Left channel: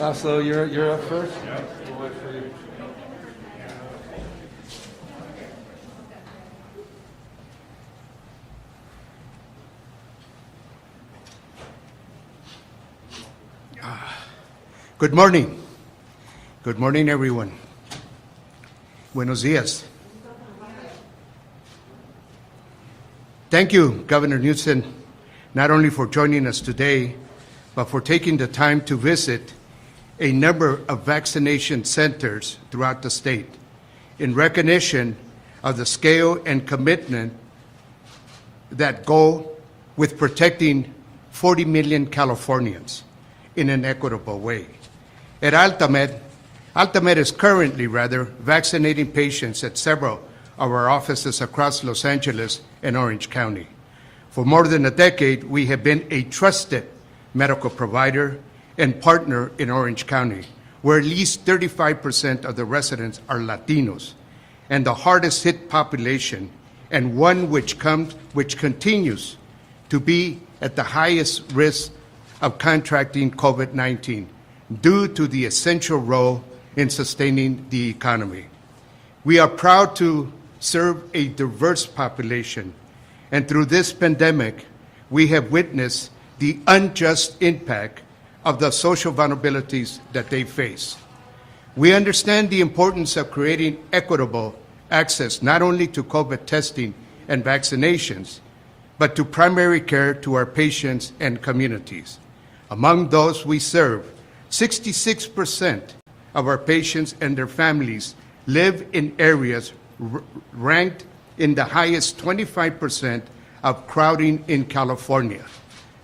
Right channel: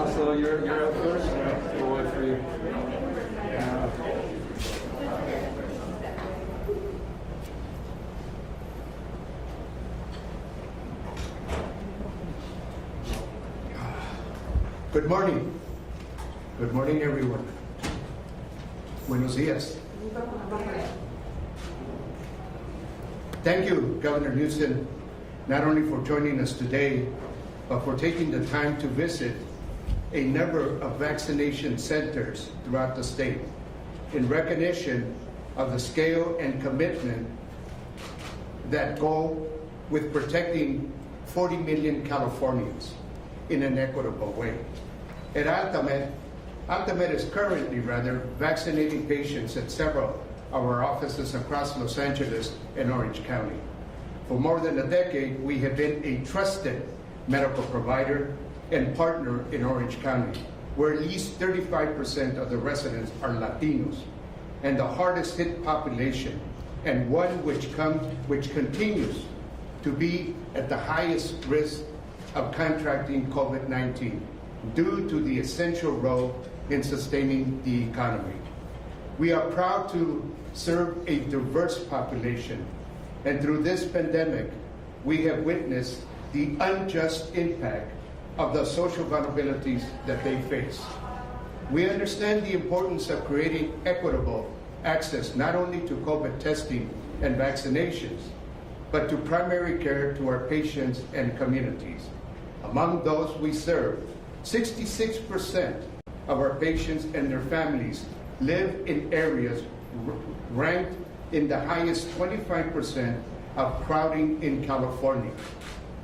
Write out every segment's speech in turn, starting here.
So you're up first. Good morning. Good morning, everyone. Buenos dias. Thank you, Governor Newsom, not only for joining us today, but for taking the time to visit a number of vaccination centers throughout the state in recognition of the scale and commitment that go with protecting 40 million Californians in an equitable way. At Alta is currently vaccinating patients at several of our offices across Los Angeles and Orange County. For more than a decade, we have been a trusted medical provider and partner in Orange County, where at least 35% of the residents are Latinos, and the hardest hit population, and one which continues to be at the highest risk of contracting COVID-19 due to the essential role in sustaining the economy. We are proud to serve a diverse population, and through this pandemic, we have witnessed the unjust impact of the social vulnerabilities that they face. We understand the importance of creating equitable access not only to COVID testing and vaccinations, but to primary care to our patients and communities. Among those we serve, 66% of our patients and their families live in areas ranked in the highest 25% of crowding in California.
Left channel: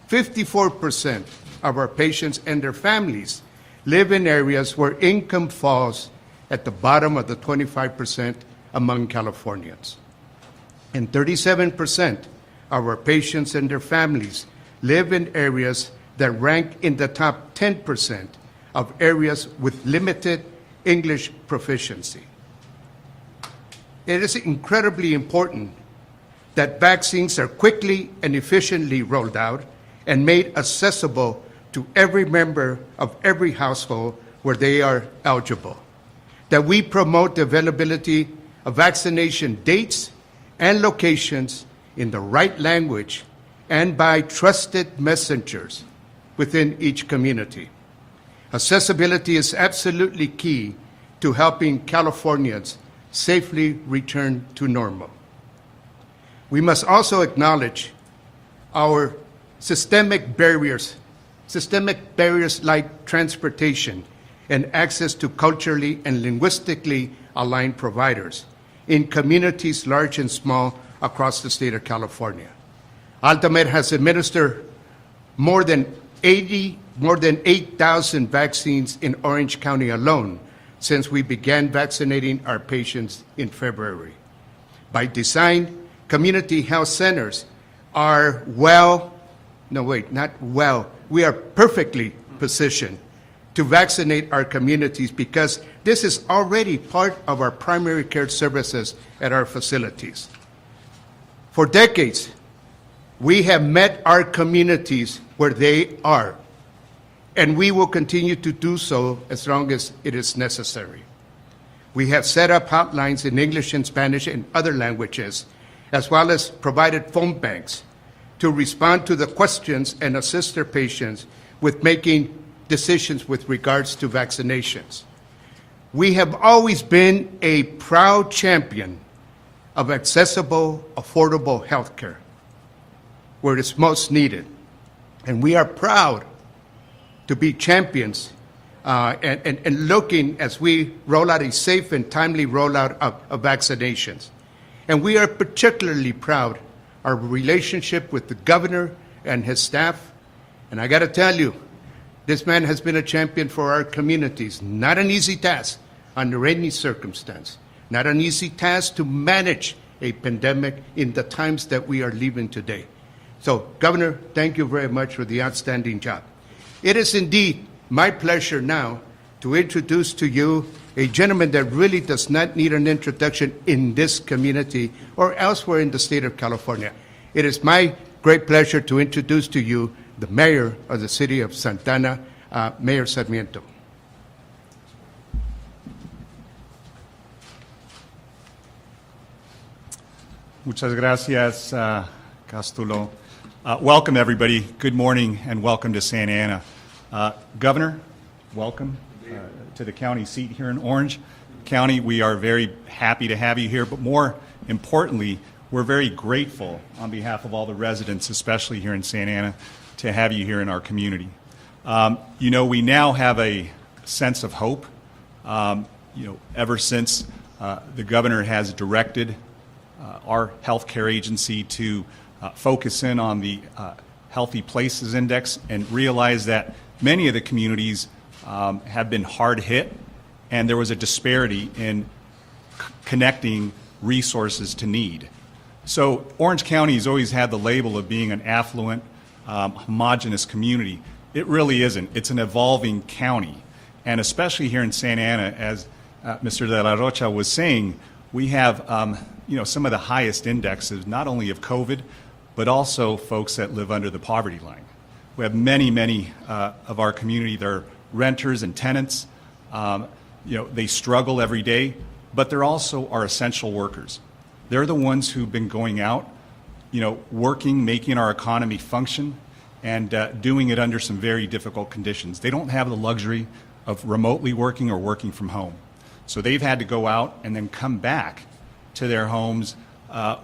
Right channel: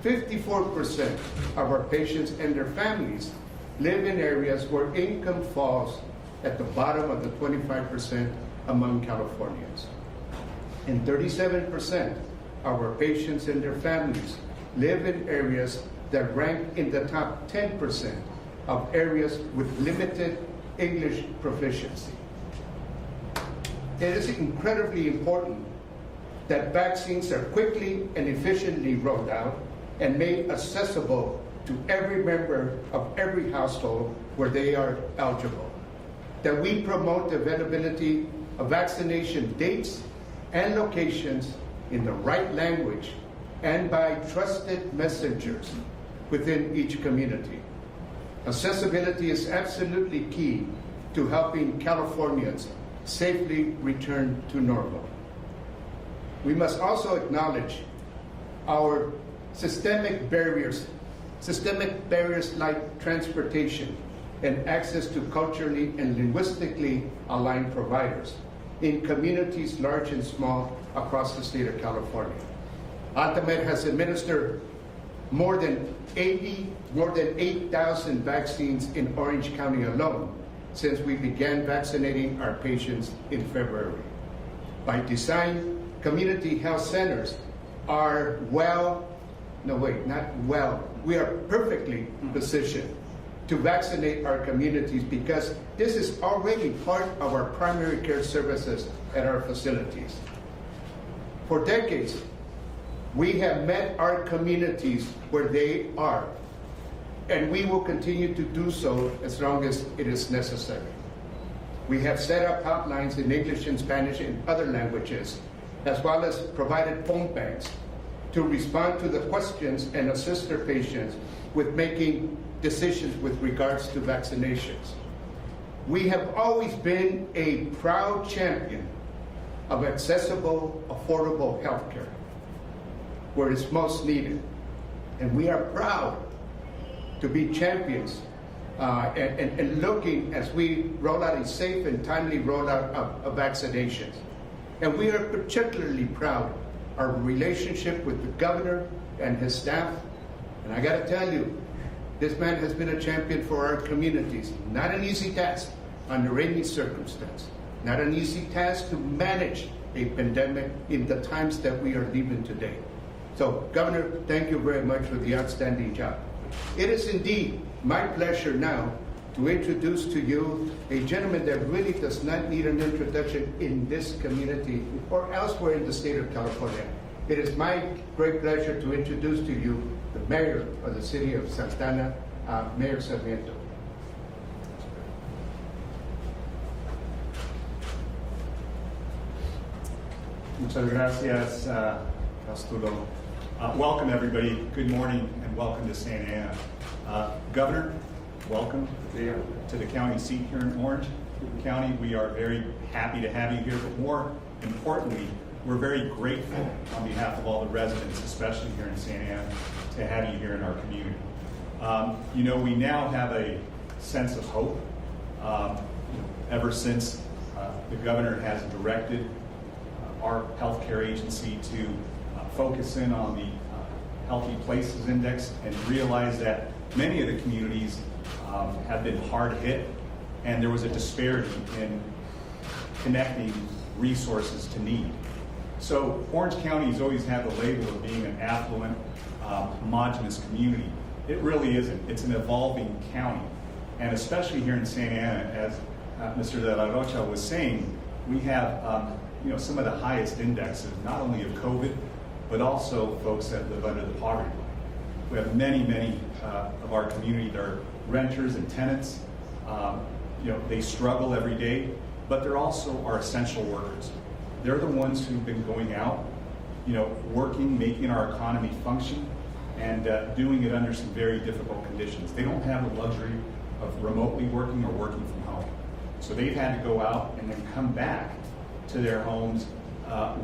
54% of our patients and their families live in areas where income falls at the bottom of the 25% among Californians. And 37% of our patients and their families live in areas that rank in the top 10% of areas with limited English proficiency. It is incredibly important that vaccines are quickly and efficiently rolled out and made accessible to every member of every household where they are eligible. That we promote the availability of vaccination dates and locations in the right language and by trusted messengers within each community. Accessibility is absolutely key to helping Californians safely return to normal. We must also acknowledge our systemic barriers like transportation and access to culturally and linguistically aligned providers in communities large and small across the state of California. Alta has administered more than 8,000 vaccines in Orange County alone since we began vaccinating our patients in February. By design, community health centers are we are perfectly positioned to vaccinate our communities because this is already part of our primary care services at our facilities. For decades, we have met our communities where they are, and we will continue to do so as long as it is necessary. We have set up hotlines in English and Spanish and other languages, as well as provided phone banks to respond to the questions and assist their patients with making decisions with regards to vaccinations. We have always been a proud champion of accessible, affordable health care where it's most needed. And we are proud to be champions and looking as we roll out a safe and timely rollout of vaccinations. And we are particularly proud our relationship with the governor and his staff. And I got to tell you, this man has been a champion for our communities. Not an easy task under any circumstance. Not an easy task to manage a pandemic in the times that we are living today. So, Governor, thank you very much for the outstanding job. It is indeed my pleasure now to introduce to you a gentleman that really does not need an introduction in this community or elsewhere in the state of California. It is my great pleasure to introduce to you the mayor of the city of Santa Ana, Mayor Sarmiento. Muchas gracias, Castulo. Welcome, everybody. Good morning and welcome to Santa Ana. Governor, welcome to the county seat here in Orange County. We are very happy to have you here, but more importantly, we're very grateful on behalf of all the residents, especially here in Santa Ana, to have you here in our community. You know, we now have a sense of hope. Ever since the governor has directed our healthcare agency to focus in on the Healthy Places Index and realize that many of the communities have been hard hit, and there was a disparity in connecting resources to need. So Orange County has always had the label of being an affluent, homogeneous community. It really isn't. It's an evolving county, and especially here in Santa Ana, as Mr. De La Rocha was saying, we have some of the highest indexes, not only of COVID, but also folks that live under the poverty line. We have many of our community that are renters and tenants. They struggle every day, but they're also our essential workers. They're the ones who've been going out, working, making our economy function, and doing it under some very difficult conditions. They don't have the luxury of remotely working or working from home. So they've had to go out and then come back to their homes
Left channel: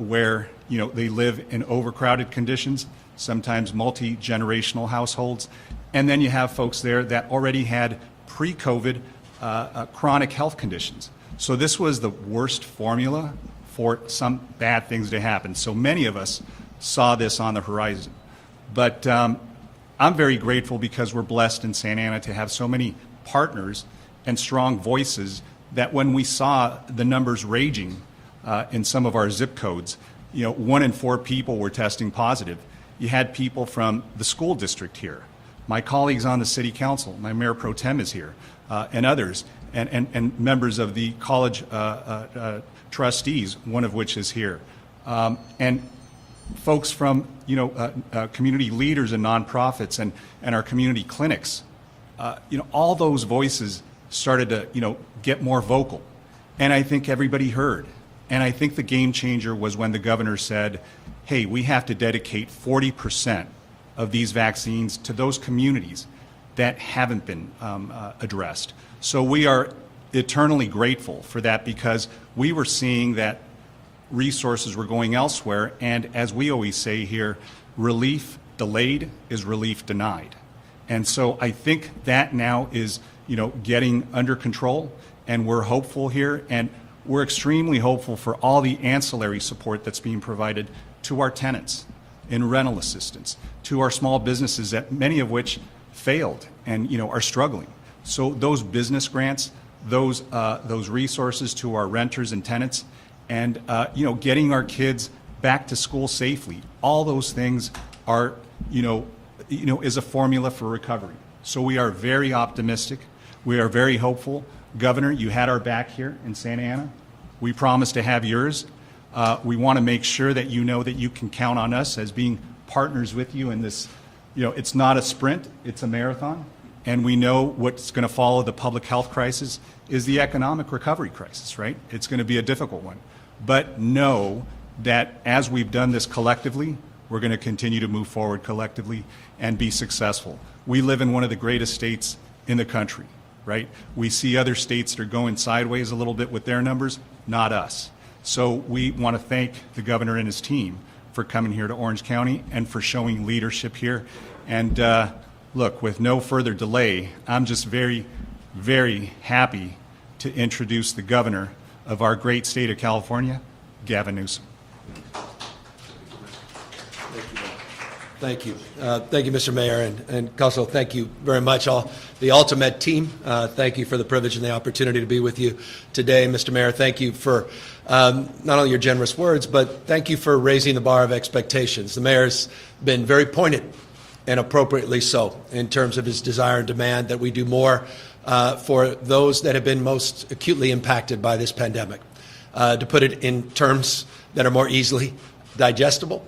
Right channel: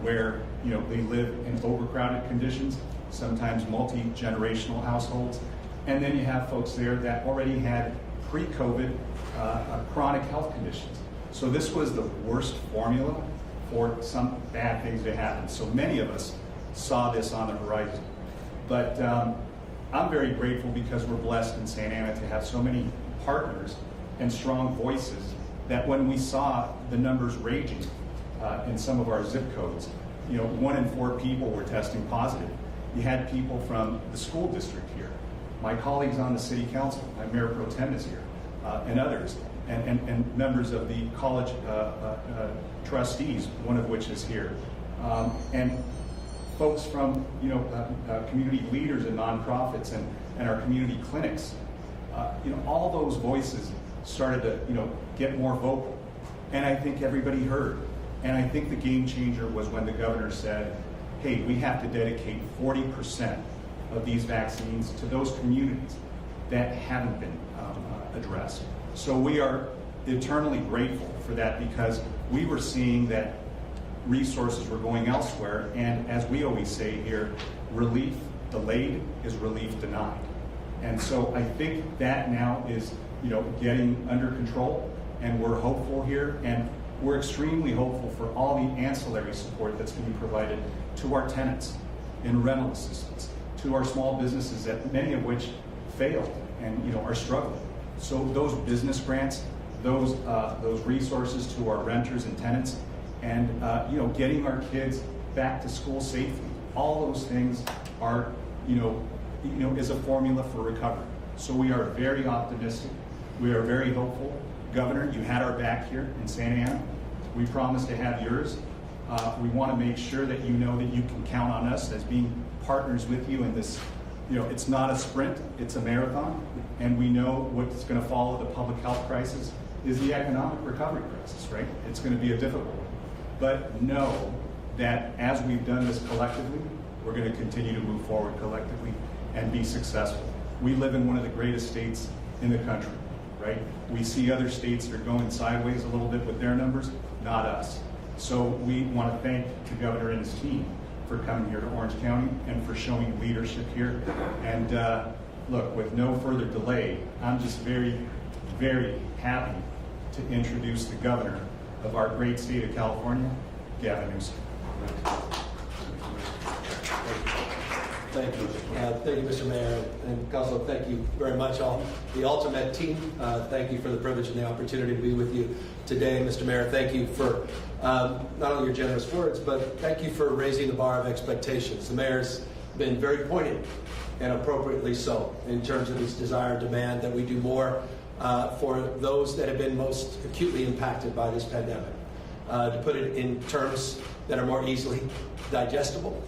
where they live in overcrowded conditions, sometimes multi-generational households, and then you have folks there that already had pre-COVID chronic health conditions. So this was the worst formula for some bad things to happen. So many of us saw this on the horizon. But I'm very grateful because we're blessed in Santa Ana to have so many partners and strong voices that when we saw the numbers raging in some of our zip codes, 1 in 4 people were testing positive. You had people from the school district here. My colleagues on the city council, my mayor pro tem is here, and others, and members of the college trustees, one of which is here, and folks from community leaders and nonprofits and our community clinics. All those voices started to get more vocal, and I think everybody heard. And I think the game changer was when the governor said, hey, we have to dedicate 40% of these vaccines to those communities that haven't been addressed. So we are eternally grateful for that, because we were seeing that resources were going elsewhere, and as we always say here, relief delayed is relief denied. And so I think that now is getting under control, and we're hopeful here, and we're extremely hopeful for all the ancillary support that's being provided to our tenants in rental assistance, to our small businesses, that many of which failed and are struggling. So those business grants, those resources to our renters and tenants, and getting our kids back to school safely, all those things are is a formula for recovery. So we are very optimistic. We are very hopeful. Governor, you had our back here in Santa Ana. We promise to have yours. We want to make sure that you know that you can count on us as being partners with you in this. It's not a sprint, it's a marathon. And we know what's going to follow the public health crisis is the economic recovery crisis, right? It's going to be a difficult one. But know that as we've done this collectively, we're going to continue to move forward collectively and be successful. We live in one of the greatest states in the country, right? We see other states that are going sideways a little bit with their numbers, not us. So we want to thank the governor and his team for coming here to Orange County and for showing leadership here. And look, with no further delay, I'm just very, very happy to introduce the governor of our great state of California, Gavin Newsom. Thank you. Thank you, Mr. Mayor, and Council, thank you very much, all the Ultimate team. Thank you for the privilege and the opportunity to be with you today. Mr. Mayor, thank you for not only your generous words, but thank you for raising the bar of expectations. The Mayor's been very pointed, and appropriately so, in terms of his desire and demand that we do more for those that have been most acutely impacted by this pandemic. To put it in terms that are more easily digestible,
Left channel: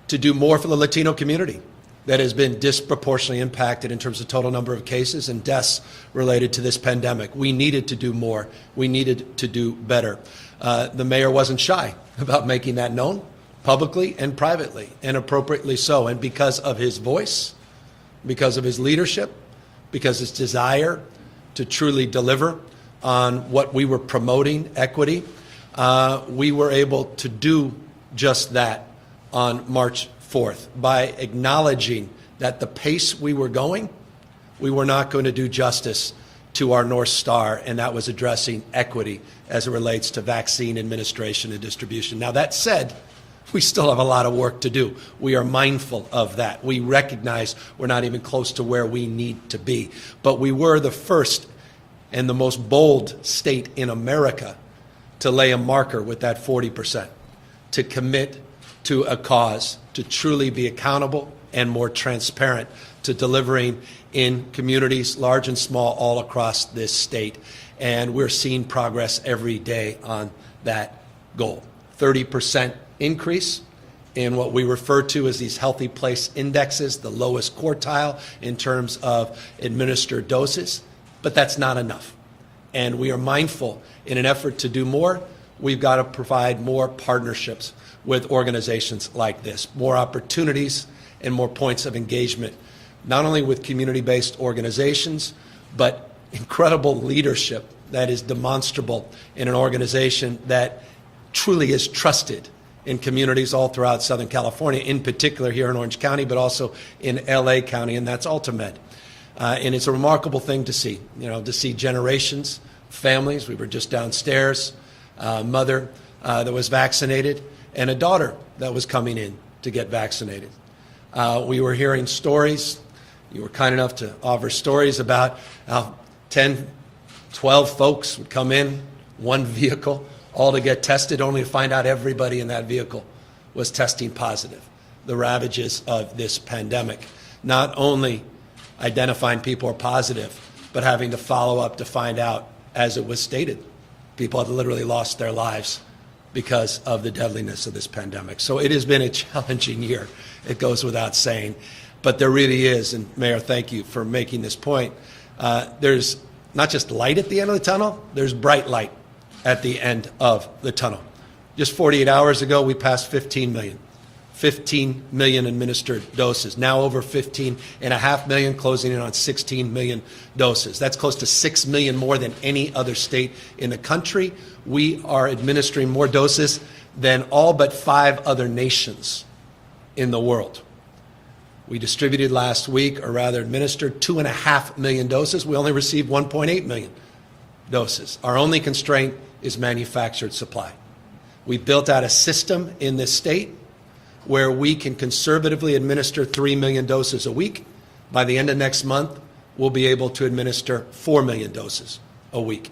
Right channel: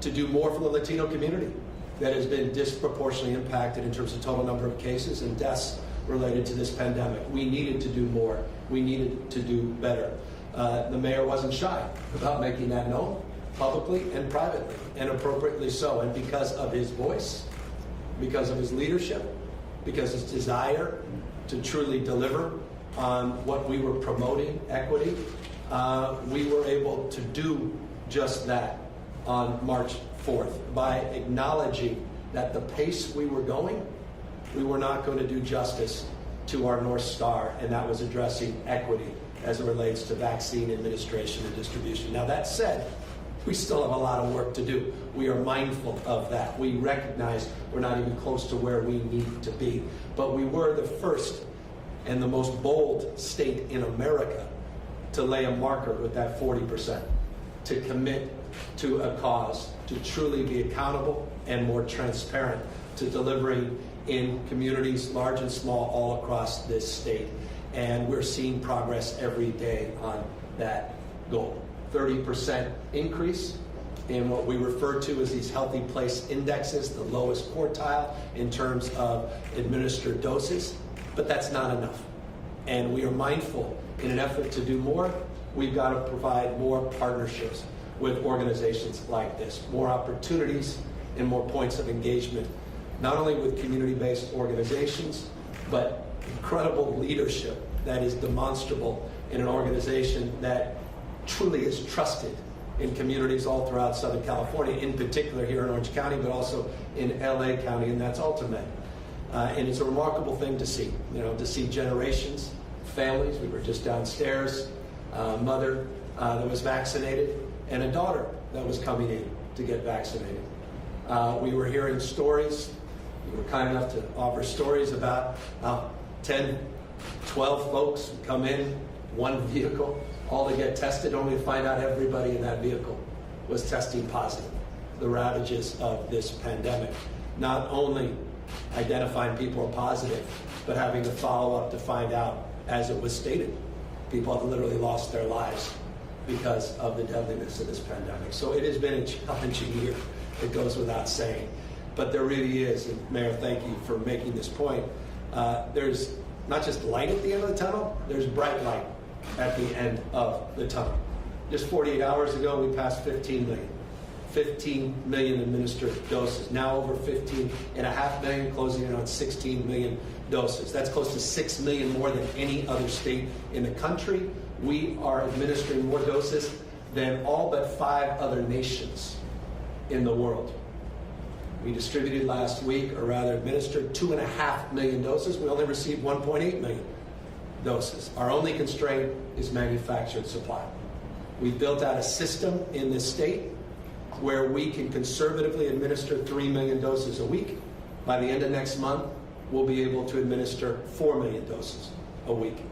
to do more for the Latino community that has been disproportionately impacted in terms of total number of cases and deaths related to this pandemic. We needed to do more. We needed to do better. The mayor wasn't shy about making that known. publicly and privately, and appropriately so. And because of his voice, because of his leadership, because his desire to truly deliver on what we were promoting, equity, we were able to do just that on March 4th by acknowledging that the pace we were going, we were not going to do justice to our North Star, and that was addressing equity as it relates to vaccine administration and distribution. Now, that said, we still have a lot of work to do. We are mindful of that. We recognize we're not even close to where we need to be. But we were the first and the most bold state in America to lay a marker with that 40%, to commit to a cause, to truly be accountable and more transparent to delivering in communities, large and small, all across this state. And we're seeing progress every day on that goal. 30% increase in what we refer to as these healthy place indexes, the lowest quartile in terms of administered doses, but that's not enough. And we are mindful, in an effort to do more, we've got to provide more partnerships with organizations like this, more opportunities and more points of engagement, not only with community-based organizations, but incredible leadership that is demonstrable in an organization that truly is trusted in communities all throughout Southern California, in particular here in Orange County, but also in LA County, and that's Ultimate. And it's a remarkable thing to see, to see generations, families. We were just downstairs, a mother that was vaccinated, and a daughter that was coming in to get vaccinated. We were hearing stories. We were kind enough to offer stories about 10, 12 folks come in, one vehicle, all to get tested, only to find out everybody in that vehicle was testing positive. The ravages of this pandemic, not only identifying people are positive, but having to follow up to find out, as it was stated, people have literally lost their lives because of the deadliness of this pandemic. So it has been a challenging year, it goes without saying. But there really is, and Mayor, thank you for making this point, there's not just light at the end of the tunnel, there's bright light at the end of the tunnel. Just 48 hours ago, we passed 15 million administered doses. Now over 15.5 million, closing in on 16 million doses. That's close to 6 million more than any other state in the country. We are administering more doses than all but 5 other nations in the world. We distributed last week, or rather administered 2.5 million doses. We only received 1.8 million doses. Our only constraint is manufactured supply. We built out a system in this state where we can conservatively administer 3 million doses a week. By the end of next month, we'll be able to administer 4 million doses a week,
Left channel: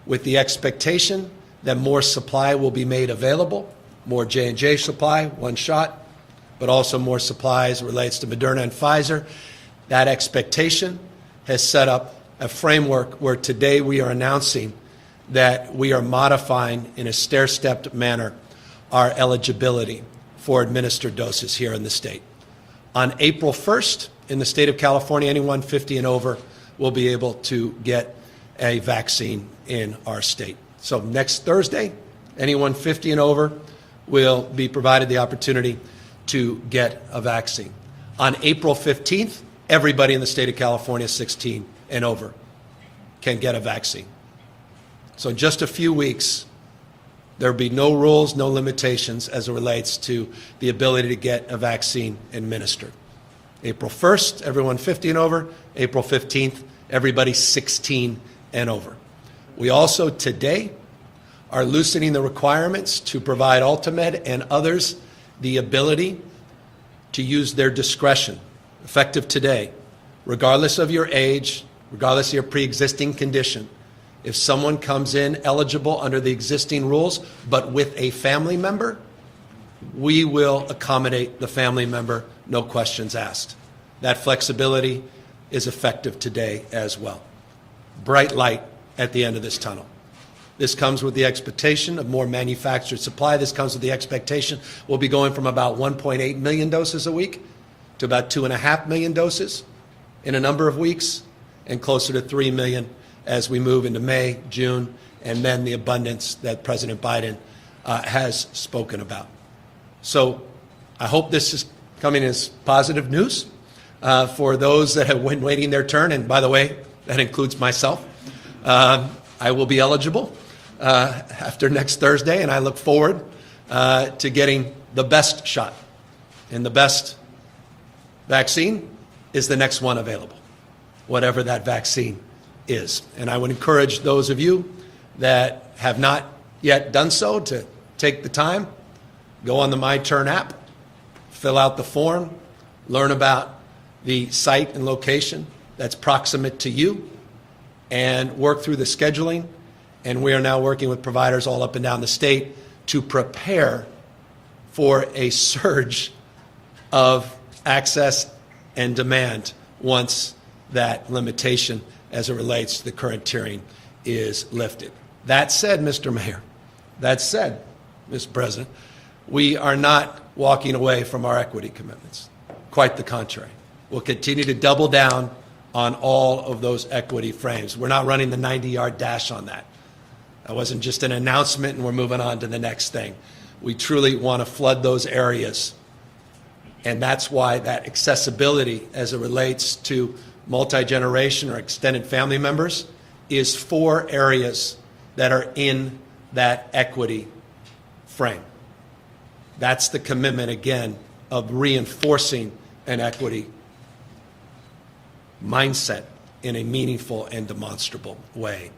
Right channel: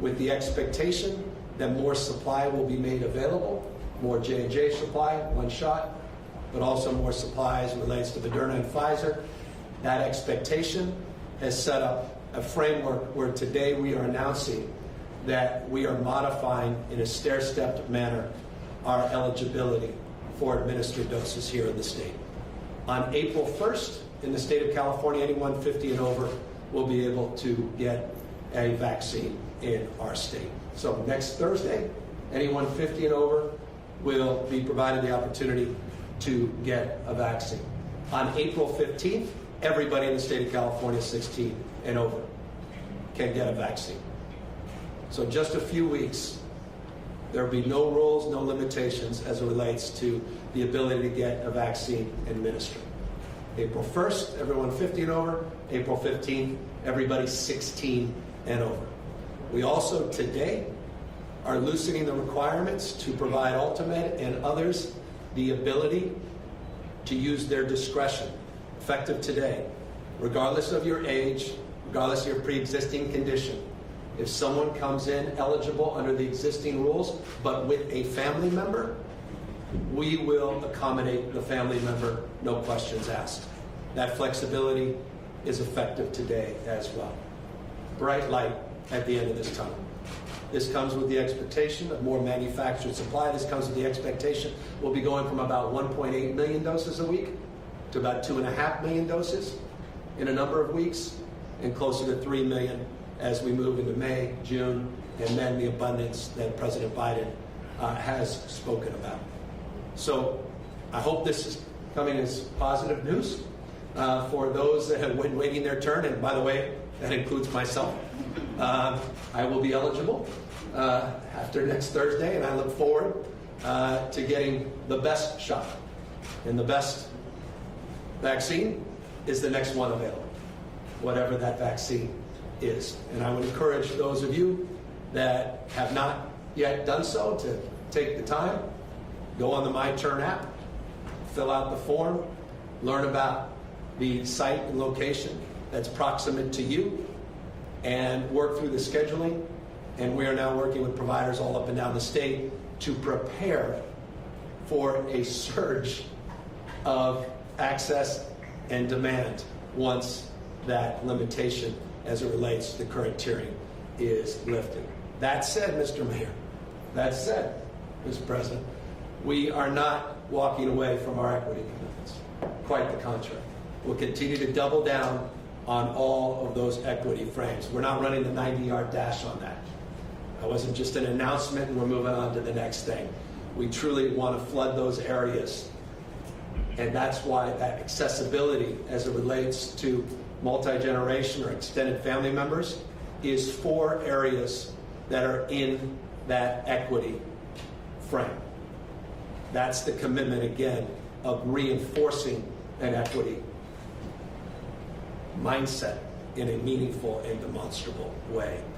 with the expectation that more supply will be made available, more J&J supply, one shot, but also more supply as it relates to Moderna and Pfizer. That expectation has set up a framework where today we are announcing that we are modifying in a stair-stepped manner our eligibility for administered doses here in the state. On April 1st, in the state of California, anyone 50 and over will be able to get a vaccine in our state. So next Thursday, anyone 50 and over will be provided the opportunity to get a vaccine. On April 15th, everybody in the state of California 16 and over can get a vaccine. So in just a few weeks, there'll be no rules, no limitations as it relates to the ability to get a vaccine administered. April 1st, everyone 50 and over. April 15th, everybody 16 and over. We also today are loosening the requirements to provide Ultimed and others the ability to use their discretion, effective today, regardless of your age, regardless of your pre-existing condition. If someone comes in eligible under the existing rules, but with a family member, we will accommodate the family member, no questions asked. That flexibility is effective today as well. Bright light at the end of this tunnel. This comes with the expectation of more manufactured supply. This comes with the expectation we'll be going from about 1.8 million doses a week to about 2.5 million doses in a number of weeks, and closer to 3 million as we move into May, June, and then the abundance that President Biden has spoken about. So I hope this is coming as positive news for those that have been waiting their turn. And by the way, that includes myself. I will be eligible after next Thursday, and I look forward to getting the best shot. And the best vaccine is the next one available, whatever that vaccine is. And I would encourage those of you that have not yet done so to take the time, go on the My Turn app, fill out the form, learn about the site and location that's proximate to you, and work through the scheduling. And we are now working with providers all up and down the state to prepare for a surge of access and demand once that limitation as it relates to the current tiering is lifted. That said, Mr. Mayor, that said, Mr. President, we are not walking away from our equity commitments. Quite the contrary. We'll continue to double down on all of those equity frames. We're not running the 90-yard dash on that. It wasn't just an announcement and we're moving on to the next thing. We truly want to flood those areas. And that's why that accessibility as it relates to multi-generation or extended family members is 4 areas that are in that equity frame. That's the commitment, again, of reinforcing an equity mindset in a meaningful and demonstrable way.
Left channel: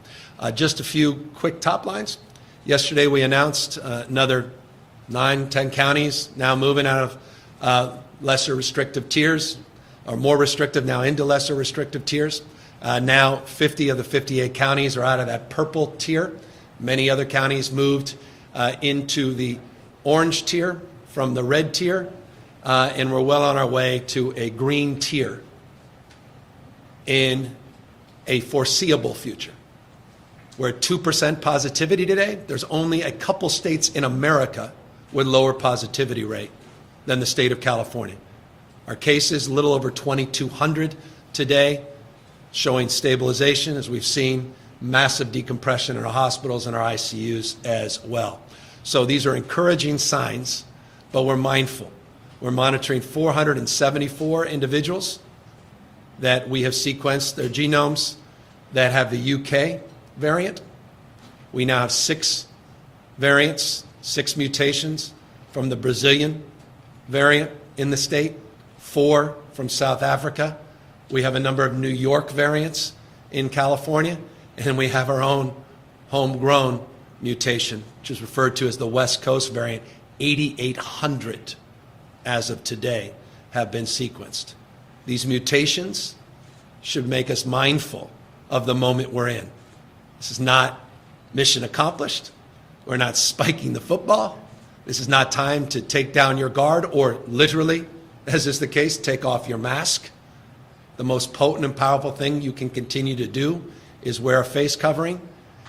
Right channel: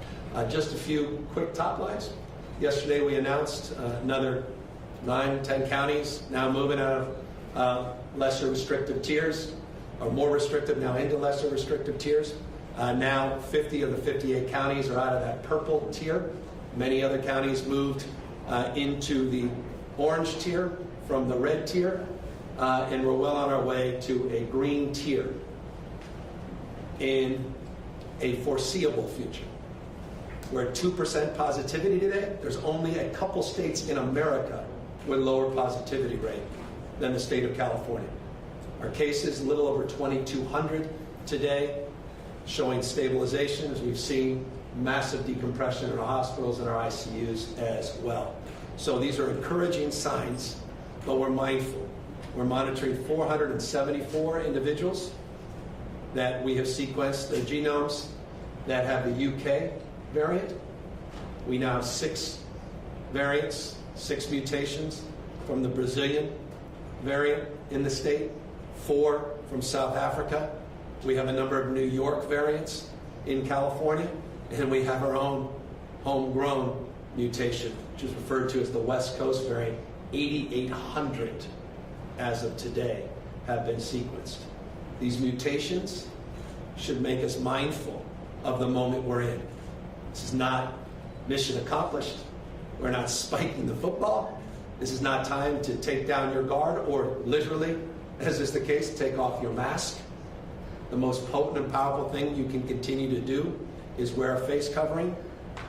Just a few quick top lines. Yesterday we announced another 9, 10 counties now moving out of lesser restrictive tiers, or more restrictive now into lesser restrictive tiers. Now 50 of the 58 counties are out of that purple tier. Many other counties moved into the orange tier from the red tier, and we're well on our way to a green tier in a foreseeable future. We're at 2% positivity today. There's only a couple states in America with lower positivity rate than the state of California. Our cases, a little over 2,200 today, showing stabilization as we've seen massive decompression in our hospitals and our ICUs as well. So these are encouraging signs, but we're mindful. We're monitoring 474 individuals that we have sequenced their genomes that have the UK variant. We now have 6 variants, 6 mutations from the Brazilian variant in the state, 4 from South Africa. We have a number of New York variants in California, and then we have our own homegrown mutation, which is referred to as the West Coast variant. 8,800 as of today have been sequenced. These mutations should make us mindful of the moment we're in. This is not mission accomplished. We're not spiking the football. This is not time to take down your guard or literally, as is the case, take off your mask. The most potent and powerful thing you can continue to do is wear a face covering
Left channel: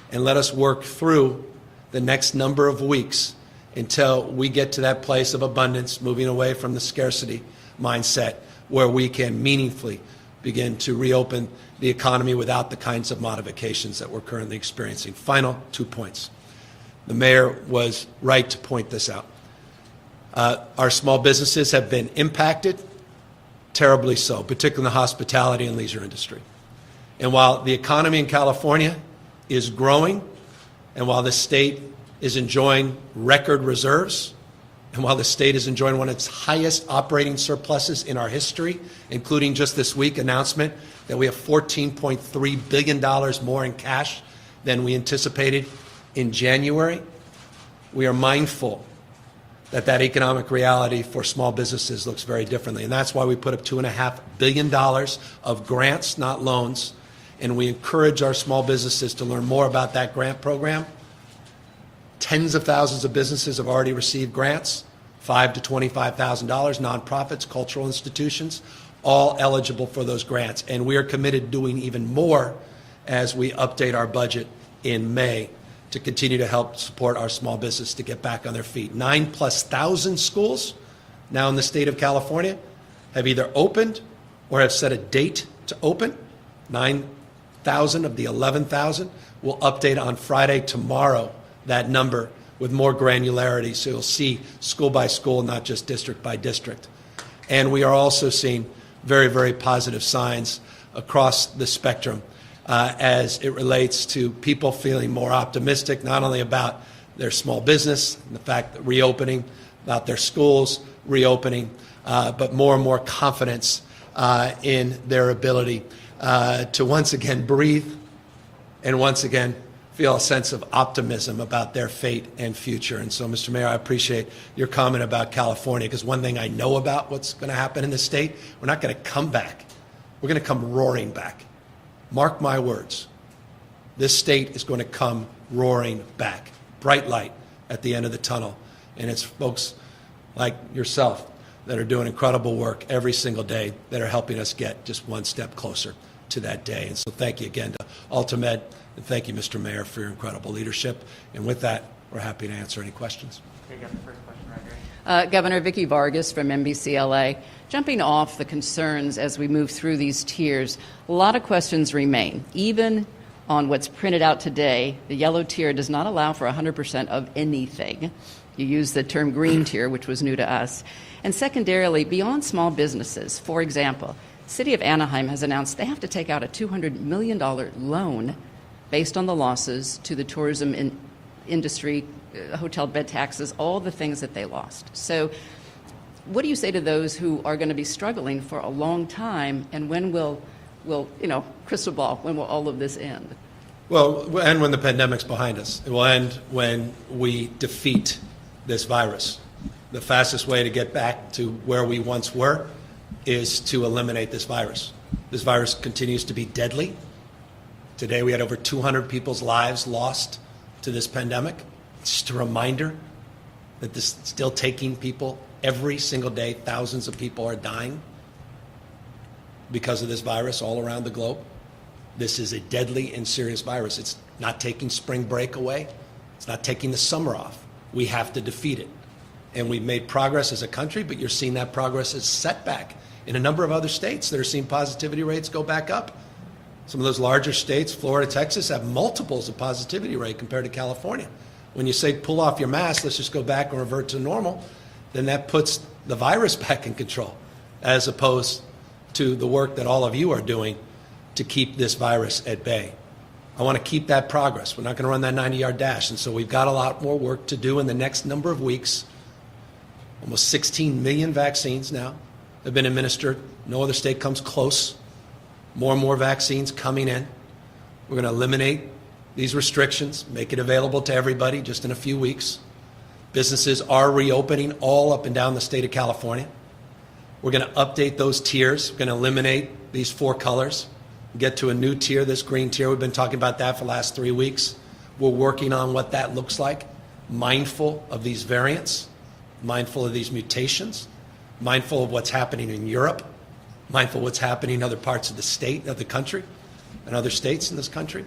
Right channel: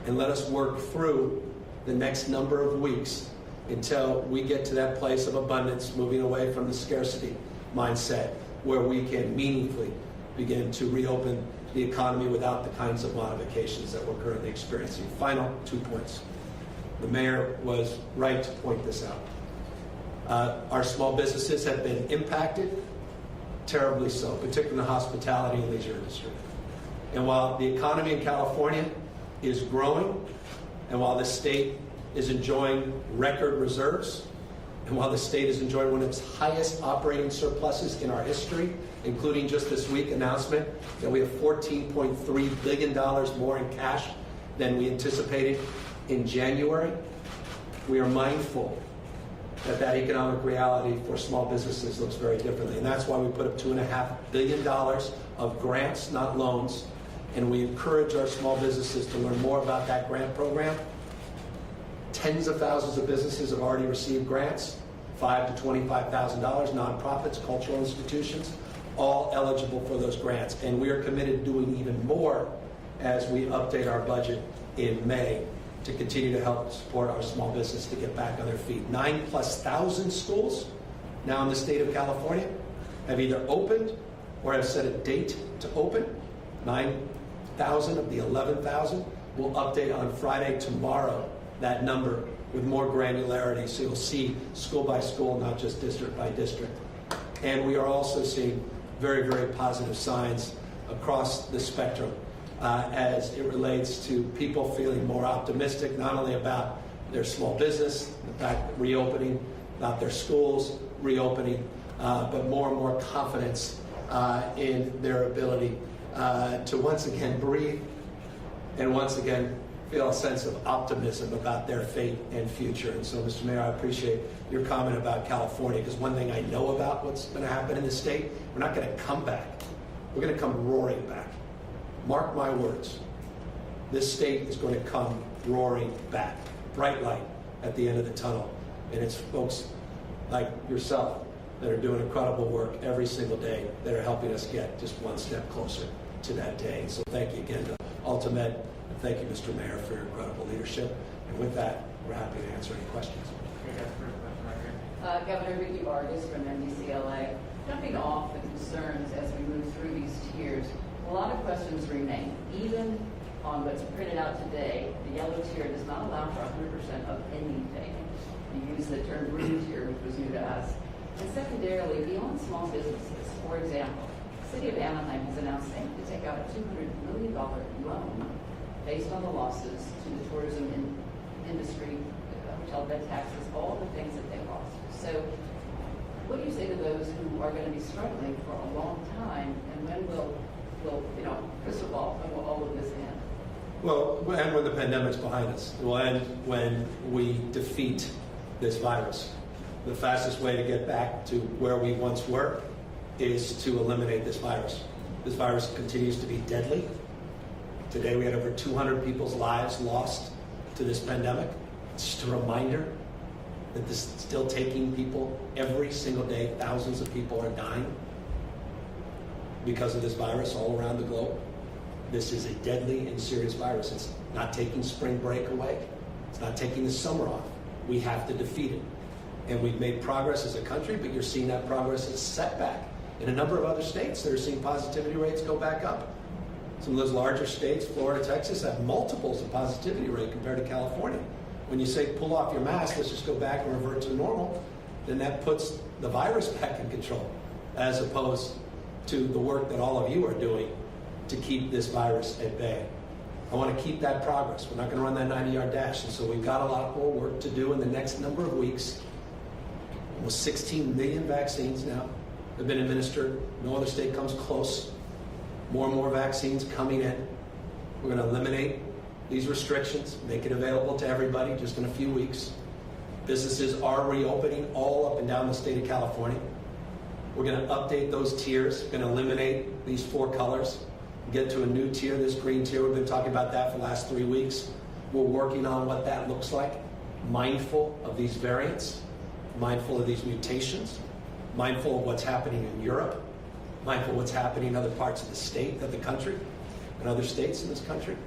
and let us work through the next number of weeks until we get to that place of abundance, moving away from the scarcity mindset where we can meaningfully begin to reopen the economy without the kinds of modifications that we're currently experiencing. Final 2 points. The mayor was right to point this out. Our small businesses have been impacted, terribly so, particularly in the hospitality and leisure industry. And while the economy in California is growing, and while the state is enjoying record reserves, and while the state is enjoying one of its highest operating surpluses in our history, including just this week announcement that we have $14.3 billion more in cash than we anticipated in January, we are mindful that that economic reality for small businesses looks very differently. And that's why we put up $2.5 billion of grants, not loans, and we encourage our small businesses to learn more about that grant program. Tens of thousands of businesses have already received grants, $5,000 to $25,000, nonprofits, cultural institutions, all eligible for those grants. And we are committed to doing even more as we update our budget in May to continue to help support our small business to get back on their feet. 9,000+ schools now in the state of California have either opened or have set a date to open. 9,000 of the 11,000. We'll update on Friday tomorrow that number with more granularity, so you'll see school by school, not just district by district. And we are also seeing very, very positive signs across the spectrum as it relates to people feeling more optimistic, not only about their small business, the fact that reopening, about their schools reopening, but more and more confidence in their ability to once again breathe and once again feel a sense of optimism about their fate and future. And so, Mr. Mayor, I appreciate your comment about California, because one thing I know about what's going to happen in the state, we're not going to come back. We're going to come roaring back. Mark my words. This state is going to come roaring back. Bright light at the end of the tunnel. And it's folks like yourself that are doing incredible work every single day that are helping us get just one step closer to that day. And so thank you again to Alta. Thank you, Mr. Mayor, for your incredible leadership. And with that, we're happy to answer any questions. Governor Vicky Vargas from NBCLA. Jumping off the concerns as we move through these tiers, a lot of questions remain. Even on what's printed out today, the yellow tier does not allow for 100% of anything. You use the term green tier, which was new to us. And secondarily, beyond small businesses, for example, the City of Anaheim has announced they have to take out a $200 million loan based on the losses to the tourism industry, hotel bed taxes, all the things that they lost. So what do you say to those who are going to be struggling for a long time, and when will crystal ball, when will all of this end? Well, and when the pandemic's behind us, and when we defeat this virus. The fastest way to get back to where we once were is to eliminate this virus. This virus continues to be deadly. Today we had over 200 people's lives lost to this pandemic. It's just a reminder that this is still taking people every single day. Thousands of people are dying because of this virus all around the globe. This is a deadly and serious virus. It's not taking spring break away. It's not taking the summer off. We have to defeat it. And we've made progress as a country, but you're seeing that progress as setback. In a number of other states, they're seeing positivity rates go back up. Some of those larger states, Florida, Texas, have multiples of positivity rate compared to California. When you say pull off your mask, let's just go back and revert to normal, then that puts the virus back in control, as opposed to the work that all of you are doing to keep this virus at bay. I want to keep that progress. We're not going to run that 90-yard dash, and so we've got a lot more work to do in the next number of weeks. Almost 16 million vaccines now that have been administered. No other state comes close. More and more vaccines coming in. We're going to eliminate these restrictions, make it available to everybody just in a few weeks. Businesses are reopening all up and down the state of California. We're going to update those tiers. We're going to eliminate these 4 colors, get to a new tier, this green tier. We've been talking about that for the last 3 weeks. We're working on what that looks like, mindful of these variants, mindful of these mutations, mindful of what's happening in Europe, mindful of what's happening in other parts of the state, of the country, and other states in this country,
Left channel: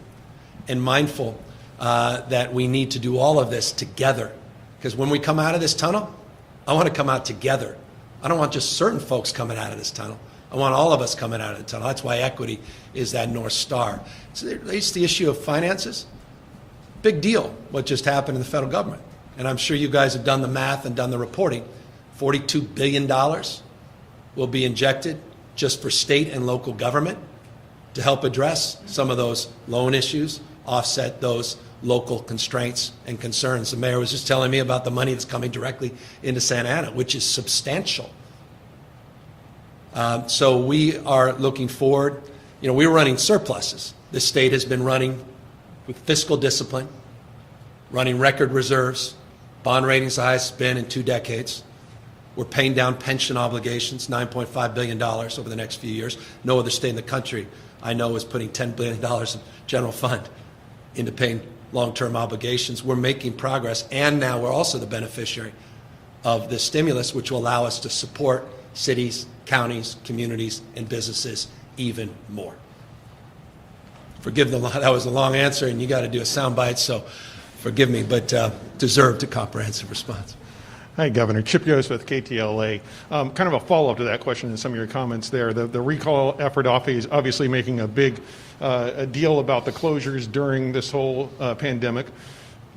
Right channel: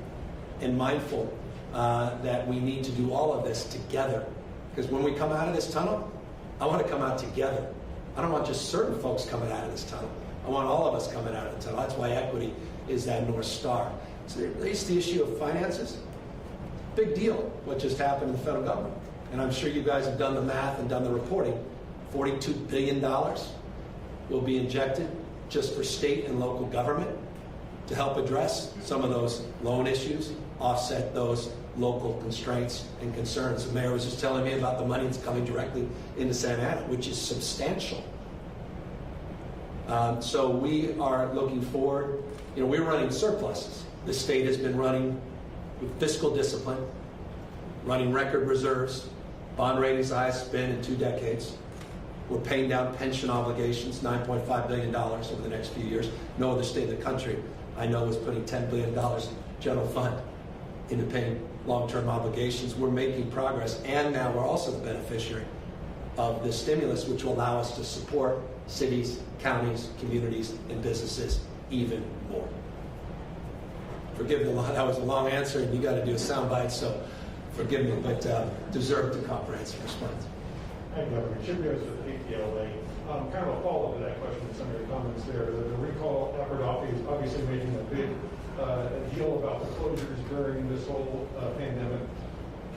and mindful that we need to do all of this together. Because when we come out of this tunnel, I want to come out together. I don't want just certain folks coming out of this tunnel. I want all of us coming out of the tunnel. That's why equity is that North Star. So it raises the issue of finances. Big deal what just happened in the federal government. And I'm sure you guys have done the math and done the reporting. $42 billion will be injected just for state and local government to help address some of those loan issues, offset those local constraints and concerns. The mayor was just telling me about the money that's coming directly into Santa Ana, which is substantial. So we are looking forward. We're running surpluses. The state has been running with fiscal discipline, running record reserves, bond ratings the highest it's been in 2 decades. We're paying down pension obligations, $9.5 billion over the next few years. No other state in the country, I know, is putting $10 billion in general fund into paying long-term obligations. We're making progress, and now we're also the beneficiary of the stimulus, which will allow us to support cities, counties, communities, and businesses even more. Forgive me, that was a long answer, and you got to do a soundbite, so forgive me, but deserved a comprehensive response. Hi, Governor. Chip Yost with KTLA. Kind of a follow-up to that question and some of your comments there. The recall effort is obviously making a big a deal about the closures during this whole pandemic.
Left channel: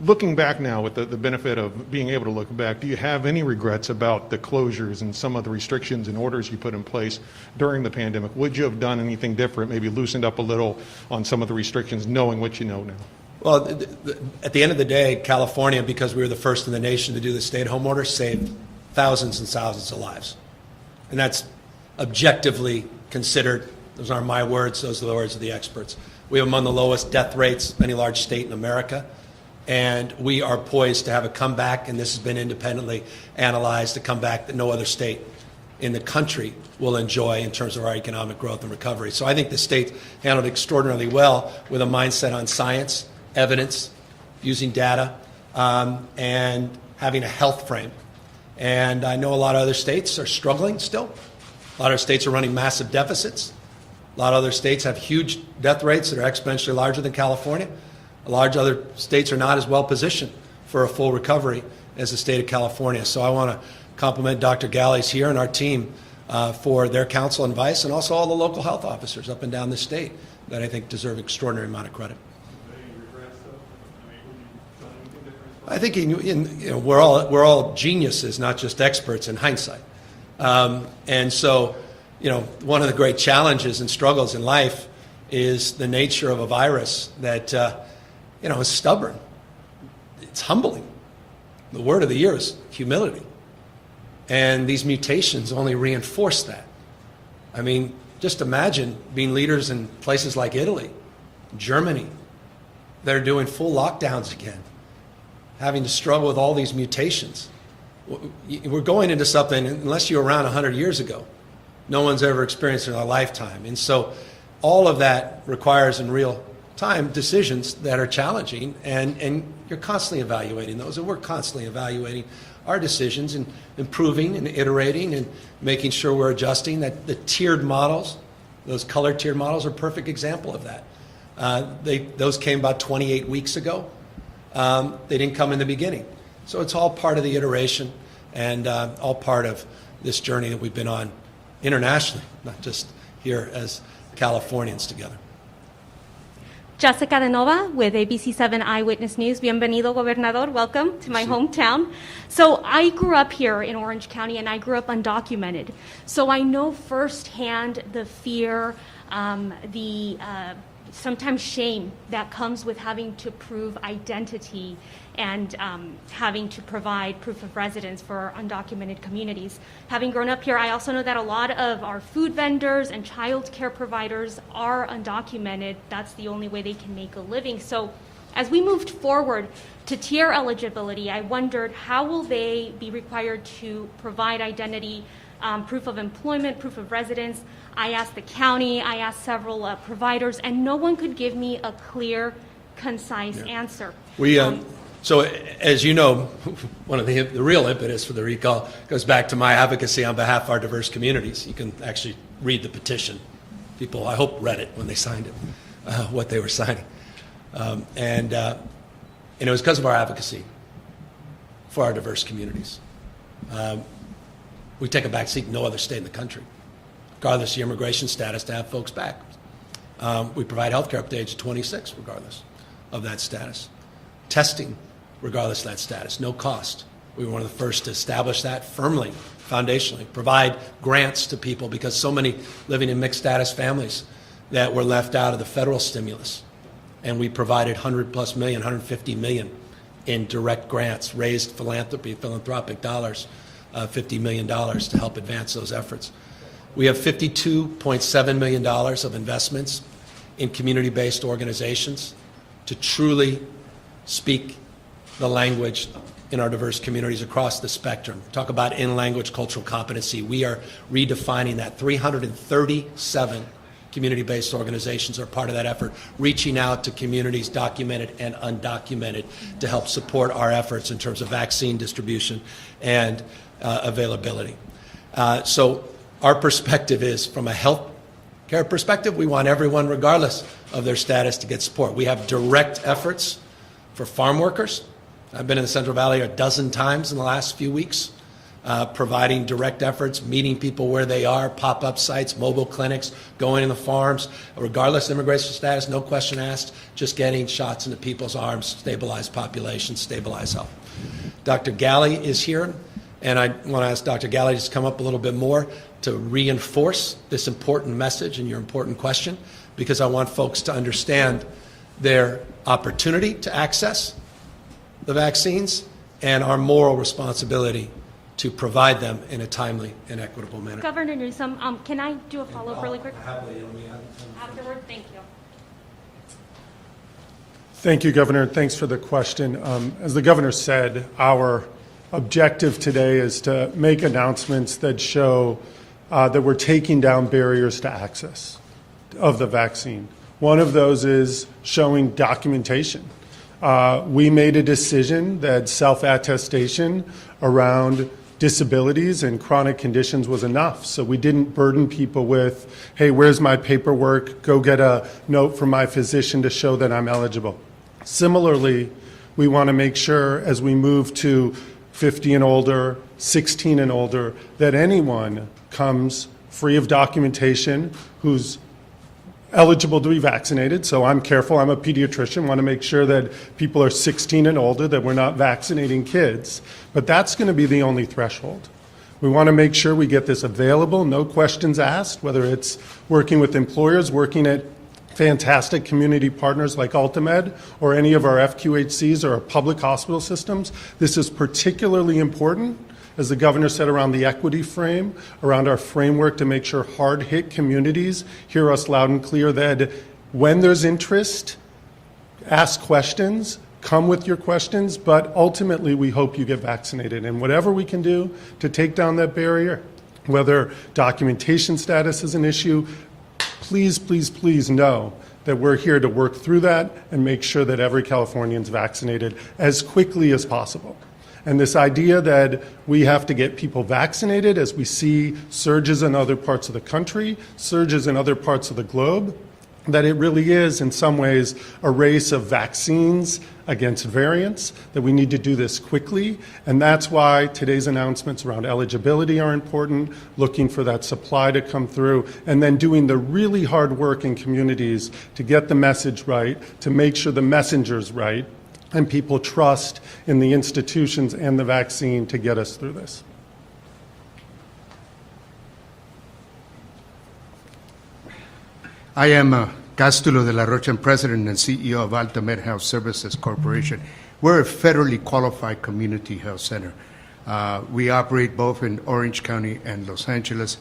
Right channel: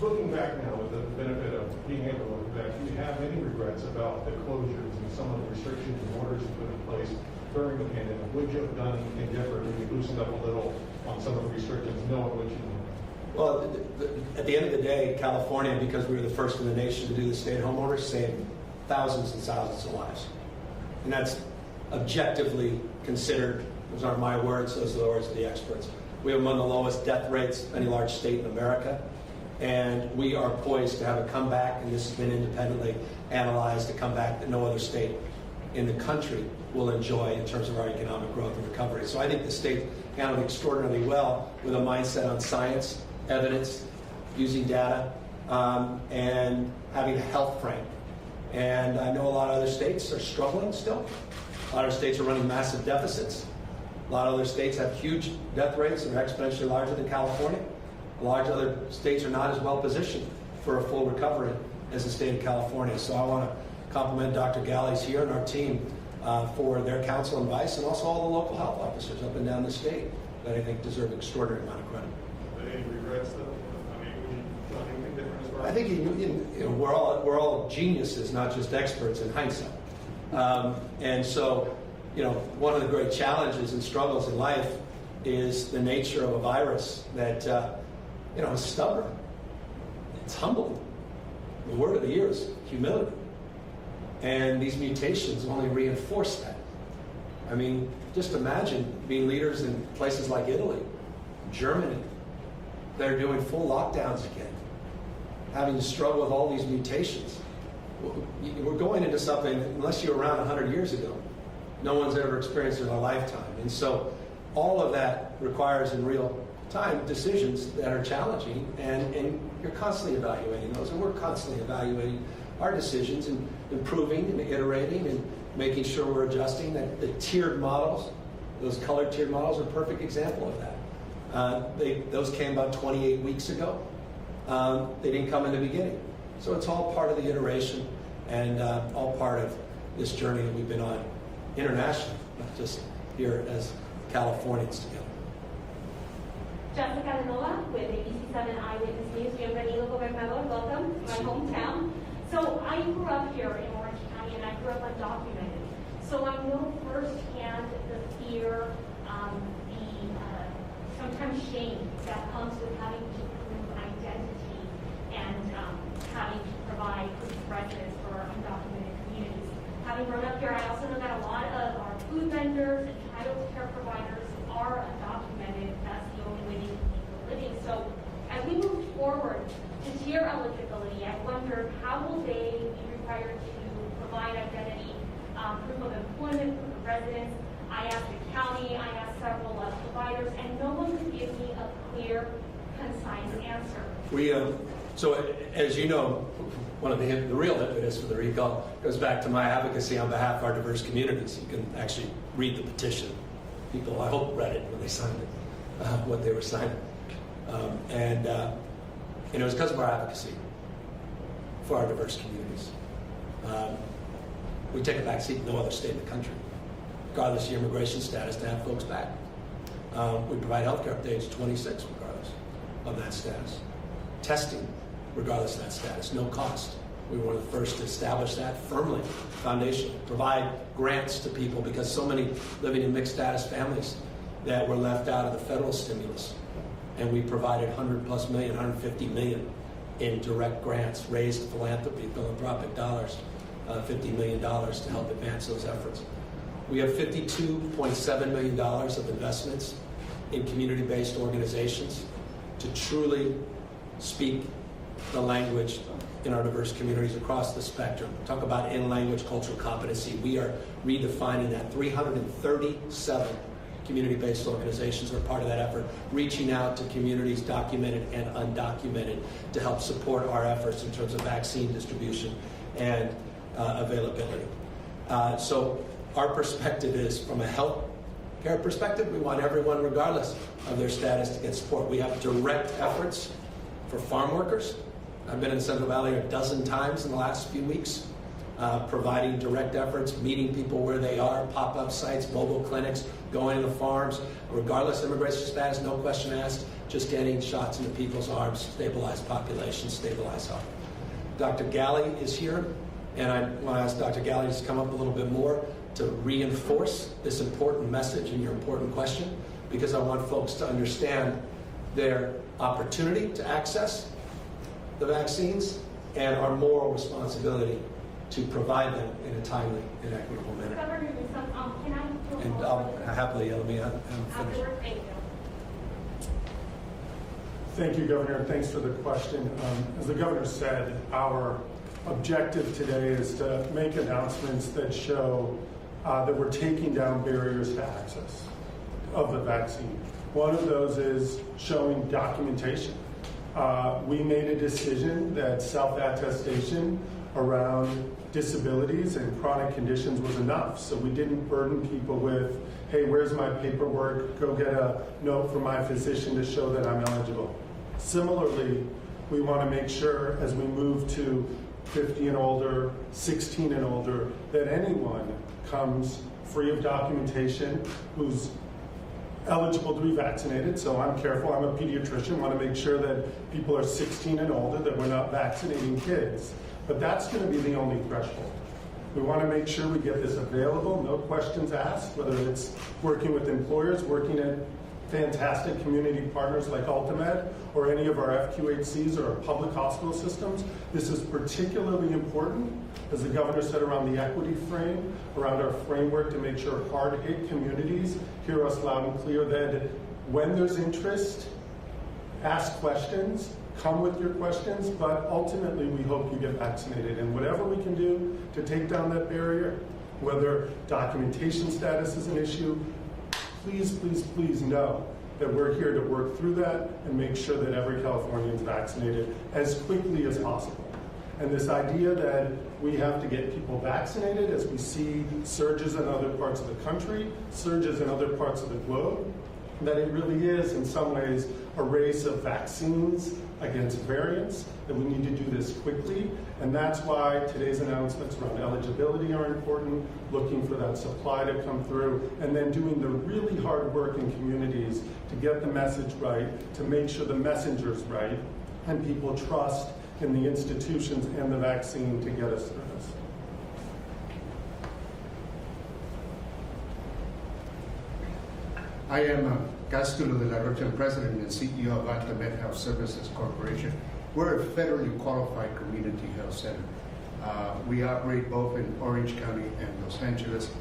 Looking back now, with the benefit of being able to look back, do you have any regrets about the closures and some of the restrictions and orders you put in place during the pandemic? Would you have done anything different, maybe loosened up a little on some of the restrictions, knowing what you know now? Well, at the end of the day, California, because we were the first in the nation to do the stay-at-home order, saved thousands and thousands of lives. And that's objectively considered. Those aren't my words, those are the words of the experts. We have among the lowest death rates of any large state in America, and we are poised to have a comeback, and this has been independently analyzed, a comeback that no other state in the country will enjoy in terms of our economic growth and recovery. So I think the state handled extraordinarily well with a mindset on science, evidence, using data, and having a health frame. And I know a lot of other states are struggling still. A lot of states are running massive deficits. A lot of other states have huge death rates that are exponentially larger than California. Large other states are not as well positioned for a full recovery as the state of California. So I want to compliment Dr. Galli's here and our team for their counsel and advice, and also all the local health officers up and down the state that I think deserve an extraordinary amount of credit. I think we're all geniuses, not just experts in hindsight. And so, one of the great challenges and struggles in life is the nature of a virus that, is stubborn. It's humbling. The word of the year is humility. And these mutations only reinforce that. I mean, just imagine being leaders in places like Italy, Germany, that are doing full lockdowns again, having to struggle with all these mutations. We're going into something, unless you were around 100 years ago, no one's ever experienced in a lifetime. And so all of that requires in real time decisions that are challenging, and you're constantly evaluating those, and we're constantly evaluating our decisions and improving and iterating and making sure we're adjusting. That the tiered models, those color tiered models, are a perfect example of that. Those came about 28 weeks ago. They didn't come in the beginning. So it's all part of the iteration and all part of this journey that we've been on internationally, not just here as Californians together. Jessica De Nova with ABC7 Eyewitness News. Bienvenido, Gobernador. Welcome to my hometown. So I grew up here in Orange County, and I grew up undocumented. So I know firsthand the fear, the sometimes shame that comes with having to prove identity and having to provide proof of residence for undocumented communities. Having grown up here, I also know that a lot of our food vendors and child care providers are undocumented. That's the only way they can make a living. So as we moved forward to tier eligibility, I wondered how will they be required to provide identity, proof of employment, proof of residence. I asked the county, I asked several providers, and no one could give me a clear, concise answer. So as you know, one of the real impetus for the recall goes back to my advocacy on behalf of our diverse communities. You can actually read the petition. People, I hope, read it when they signed it, what they were signing. And it was because of our advocacy for our diverse communities. We take a back seat in no other state in the country, regardless of your immigration status, to have folks back. We provide health care up to age 26, regardless of that status. Testing, regardless of that status, no cost. We were one of the first to establish that firmly, foundationally, provide grants to people because so many living in mixed status families that were left out of the federal stimulus. And we provided 100+ million, 150 million in direct grants, raised philanthropic dollars, $50 million to help advance those efforts. We have $52.7 million of investments in community-based organizations to truly speak the language in our diverse communities across the spectrum. Talk about in-language cultural competency. We are redefining that. 337 community-based organizations are part of that effort, reaching out to communities, documented and undocumented, to help support our efforts in terms of vaccine distribution and availability. So our perspective is, from a health care perspective, we want everyone, regardless of their status, to get support. We have direct efforts for farm workers. I've been in the Central Valley a dozen times in the last few weeks. providing direct efforts, meeting people where they are, pop-up sites, mobile clinics, going in the farms, regardless of immigration status, no question asked, just getting shots into people's arms, stabilize population, stabilize health. Dr. Galley is here, and I want to ask Dr. Galley to come up a little bit more to reinforce this important message and your important question, because I want folks to understand their opportunity to access the vaccines and our moral responsibility to provide them in a timely and equitable manner. Governor Newsom, can I do a follow-up really quick? Thank you, Governor. Thanks for the question. As the Governor said, our objective today is to make announcements that show that we're taking down barriers to access of the vaccine. One of those is showing documentation. We made a decision that self-attestation around disabilities and chronic conditions was enough. So we didn't burden people with, hey, where's my paperwork? Go get a note from my physician to show that I'm eligible. Similarly, we want to make sure as we move to 50 and older, 16 and older, that anyone comes free of documentation who's eligible to be vaccinated. So I'm careful, I'm a pediatrician, want to make sure that people are 16 and older, that we're not vaccinating kids. But that's going to be the only threshold. We want to make sure we get this available, no questions asked, whether it's working with employers, working at fantastic community partners like Alta or any of our FQHCs or our public hospital systems. This is particularly important, as the Governor said, around the equity frame, around our framework to make sure hard-hit communities hear us loud and clear that when there's interest, ask questions, come with your questions, but ultimately we hope you get vaccinated. And whatever we can do to take down that barrier, whether documentation status is an issue, please, please, please know that we're here to work through that and make sure that every Californian is vaccinated as quickly as possible. And this idea that we have to get people vaccinated as we see surges in other parts of the country, surges in other parts of the globe, that it really is in some ways a race of vaccines against variants, that we need to do this quickly. And that's why today's announcements around eligibility are important, looking for that supply to come through, and then doing the really hard work in communities to get the message right, to make sure the messenger's right, and people trust in the institutions and the vaccine to get us through this. I am Castulo de la Rocha, President and CEO of Alta Health Services Corporation. We're a federally qualified community health center. We operate both in Orange County and Los Angeles.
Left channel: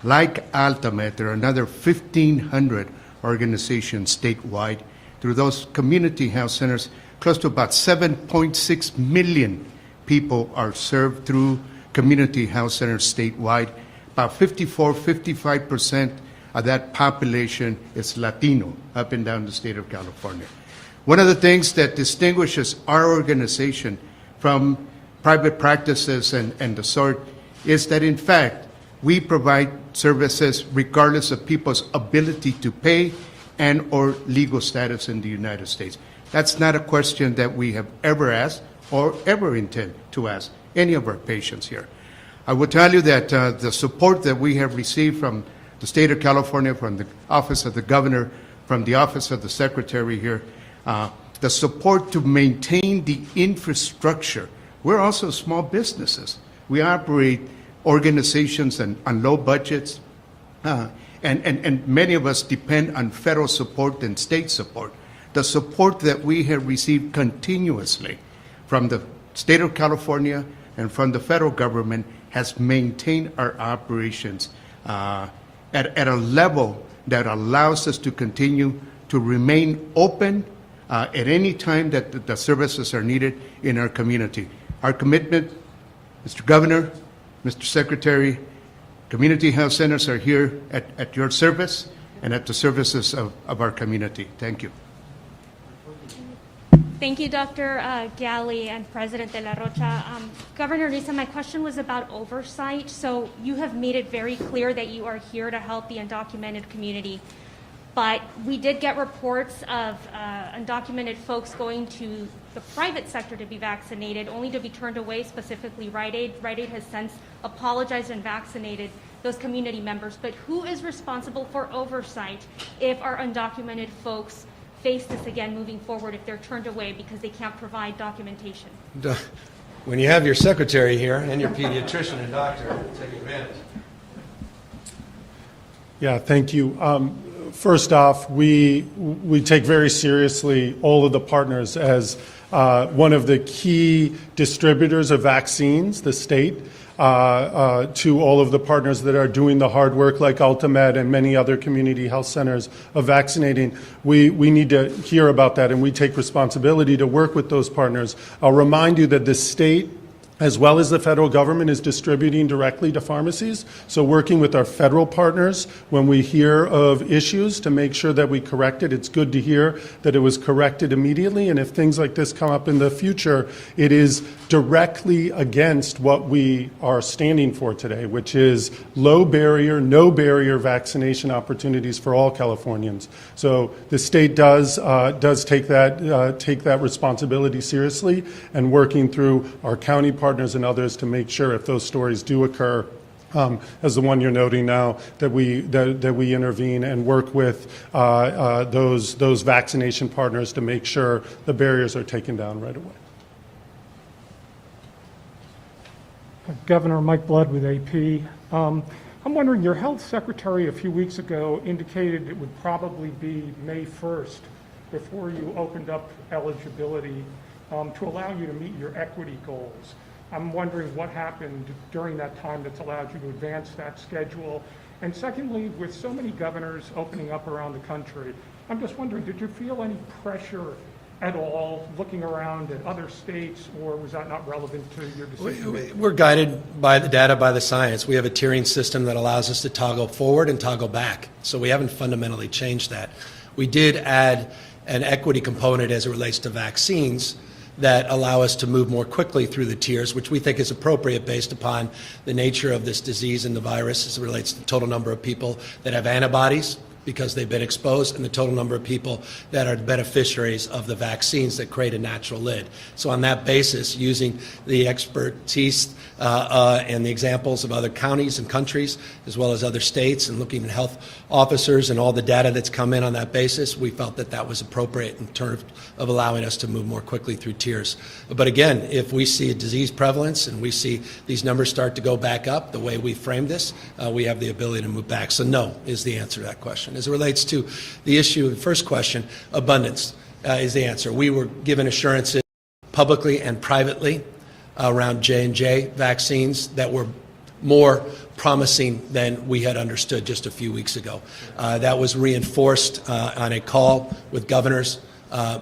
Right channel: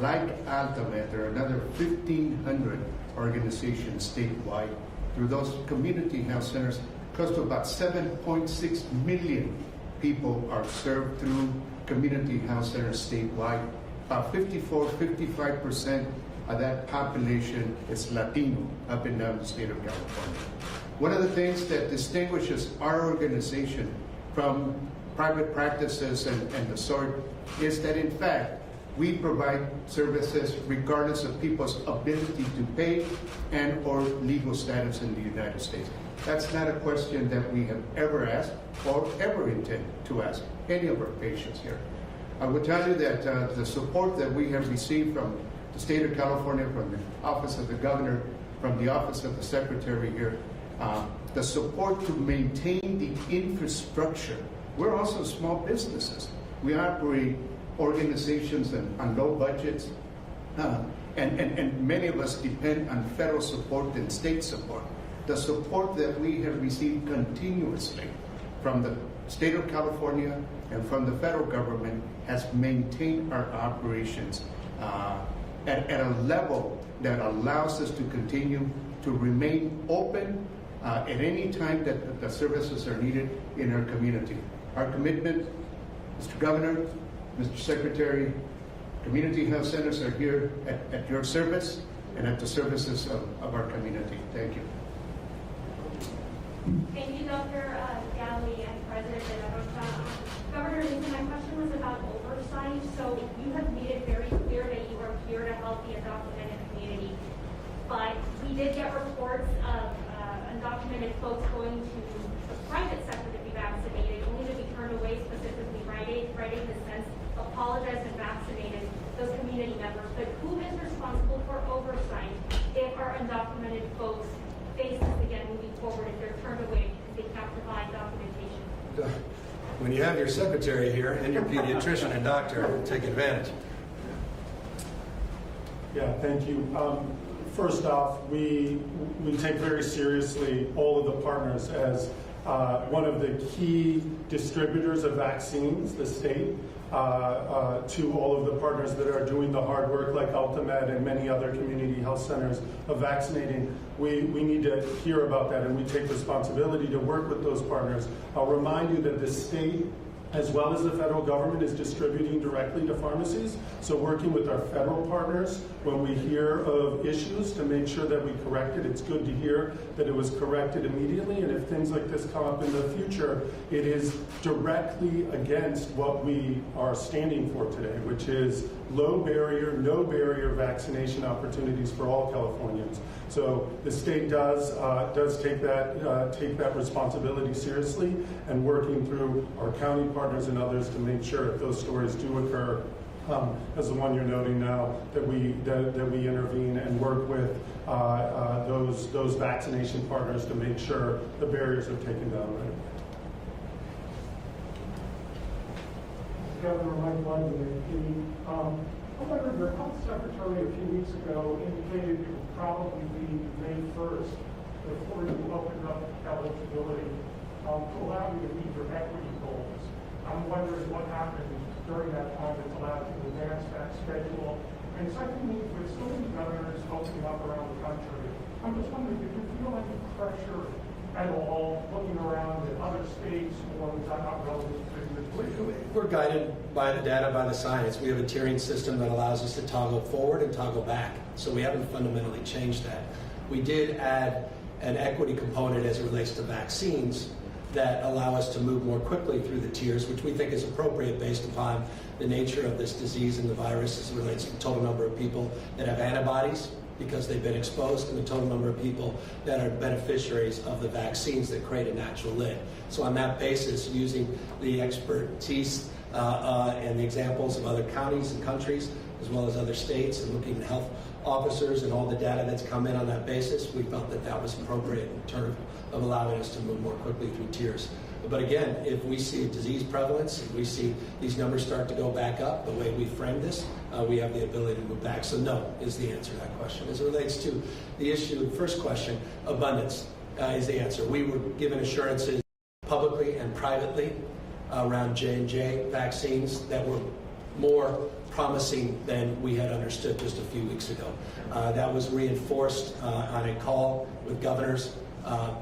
Like Alta there are another 1,500 organizations statewide. Through those community health centers, close to about 7.6 million people are served through community health centers statewide. About 55% of that population is Latino up and down the state of California. One of the things that distinguishes our organization from private practices and the sort is that, in fact, we provide services regardless of people's ability to pay and or legal status in the United States. That's not a question that we have ever asked or ever intend to ask any of our patients here. I will tell you that the support that we have received from the state of California, from the office of the governor, from the office of the secretary here, the support to maintain the infrastructure. We're also small businesses. We operate organizations on low budgets, and many of us depend on federal support and state support. The support that we have received continuously from the state of California and from the federal government has maintained our operations at a level that allows us to continue to remain open at any time that the services are needed in our community. Our commitment, Mr. Governor, Mr. Secretary, community health centers are here at your service and at the services of our community. Thank you. Thank you, Dr. Galley and President de la Rocha. Governor Newsom, my question was about oversight. So you have made it very clear that you are here to help the undocumented community. but we did get reports of undocumented folks going to the private sector to be vaccinated, only to be turned away, specifically Rite Aid. Rite Aid has since apologized and vaccinated those community members. But who is responsible for oversight if our undocumented folks face this again moving forward, if they're turned away because they can't provide documentation? When you have your secretary here and your pediatrician and doctor, take advantage. Yeah, thank you. First off, we take very seriously all of the partners as one of the key distributors of vaccines, the state, to all of the partners that are doing the hard work like Alta and many other community health centers of vaccinating. We need to hear about that, and we take responsibility to work with those partners. I'll remind you that the state, as well as the federal government, is distributing directly to pharmacies. So working with our federal partners when we hear of issues to make sure that we correct it. It's good to hear that it was corrected immediately, and if things like this come up in the future, it is directly against what we are standing for today, which is low barrier, no barrier vaccination opportunities for all Californians. So the state does take that responsibility seriously, and working through our county partners and others to make sure if those stories do occur, as the one you're noting now, that we intervene and work with those vaccination partners to make sure the barriers are taken down right away. Governor Mike Blood with AP. I'm wondering, your health secretary a few weeks ago indicated it would probably be May 1st before you opened up eligibility to allow you to meet your equity goals. I'm wondering what happened during that time that's allowed you to advance that schedule. And secondly, with so many governors opening up around the country, I'm just wondering, did you feel any pressure at all looking around at other states, or was that not relevant to your decision? We're guided by the data, by the science. We have a tiering system that allows us to toggle forward and toggle back. So we haven't fundamentally changed that. We did add an equity component as it relates to vaccines that allow us to move more quickly through the tiers, which we think is appropriate based upon the nature of this disease and the virus as it relates to the total number of people that have antibodies because they've been exposed, and the total number of people that are beneficiaries of the vaccines that create a natural lid. So on that basis, using the expertise and the examples of other counties and countries, as well as other states, and looking at health officers and all the data that's come in on that basis, we felt that that was appropriate in terms of allowing us to move more quickly through tiers. But again, if we see a disease prevalence and we see these numbers start to go back up the way we framed this, we have the ability to move back. So no is the answer to that question. As it relates to the issue of the first question, abundance is the answer. We were given assurances publicly and privately around J&J vaccines that were more promising than we had understood just a few weeks ago. That was reinforced on a call with governors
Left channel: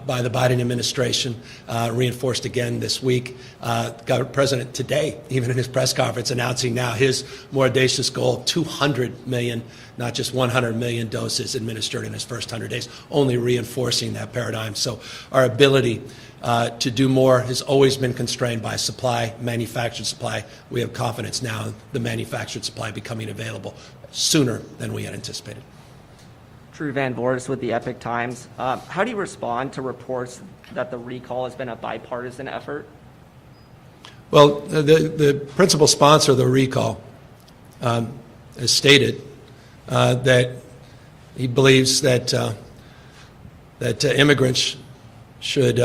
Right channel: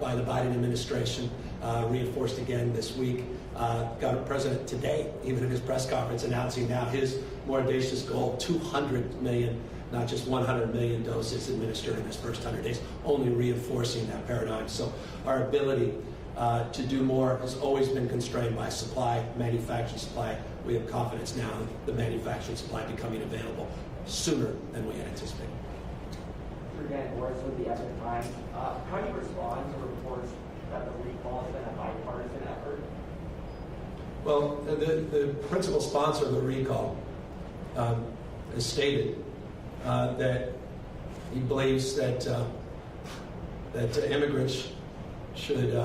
by the Biden administration, reinforced again this week. The President today, even at his press conference, announcing now his more audacious goal of 200 million, not just 100 million doses administered in his first 100 days, only reinforcing that paradigm. So our ability to do more has always been constrained by supply, manufactured supply. We have confidence now in the manufactured supply becoming available sooner than we had anticipated. Drew Van Boris with the Epic Times. How do you respond to reports that the recall has been a bipartisan effort? Well, the principal sponsor of the recall has stated that he believes that immigrants should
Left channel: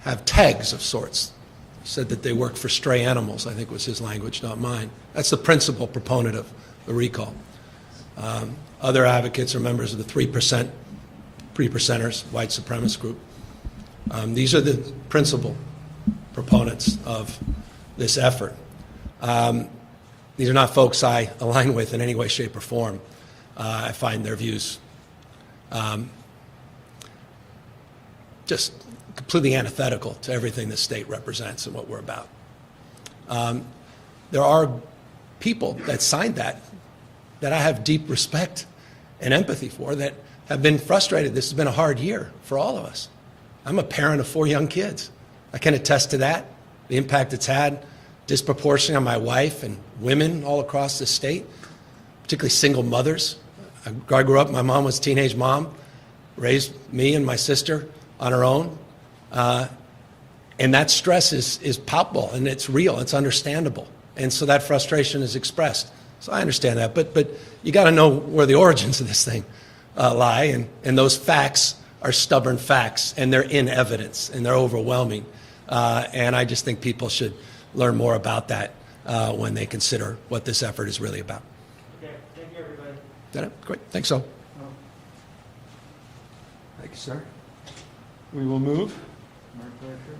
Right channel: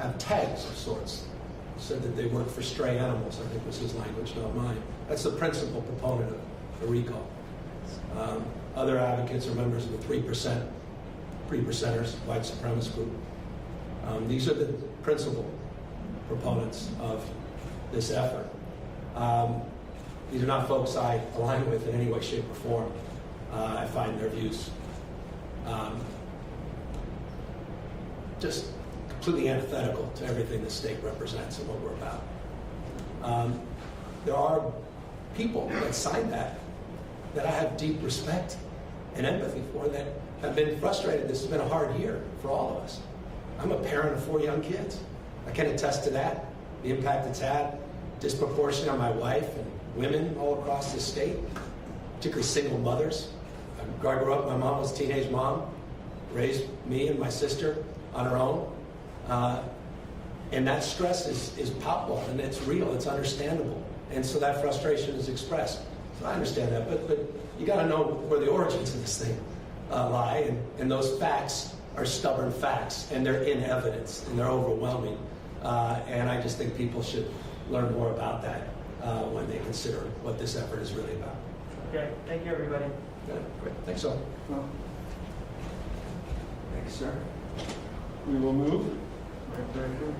have tags of sorts. Said that they work for stray animals, I think was his language, not mine. That's the principal proponent of the recall. Other advocates are members of the 3%, 3%ers, white supremacist group. These are the principal proponents of this effort. These are not folks I align with in any way, shape, or form. I find their views just completely antithetical to everything the state represents and what we're about. There are people that signed that I have deep respect and empathy for, that have been frustrated. This has been a hard year for all of us. I'm a parent of 4 young kids. I can attest to that, the impact it's had disproportionately on my wife and women all across the state, particularly single mothers I grew up, my mom was a teenage mom, raised me and my sister on her own. And that stress is palpable, and it's real, it's understandable. And so that frustration is expressed. So I understand that, but you got to know where the origins of this thing lie, and those facts are stubborn facts, and they're in evidence, and they're overwhelming. And I just think people should learn more about that when they consider what this effort is really about. Okay, thank you, everybody. Great, thanks, so. Sir, we will move. Right here.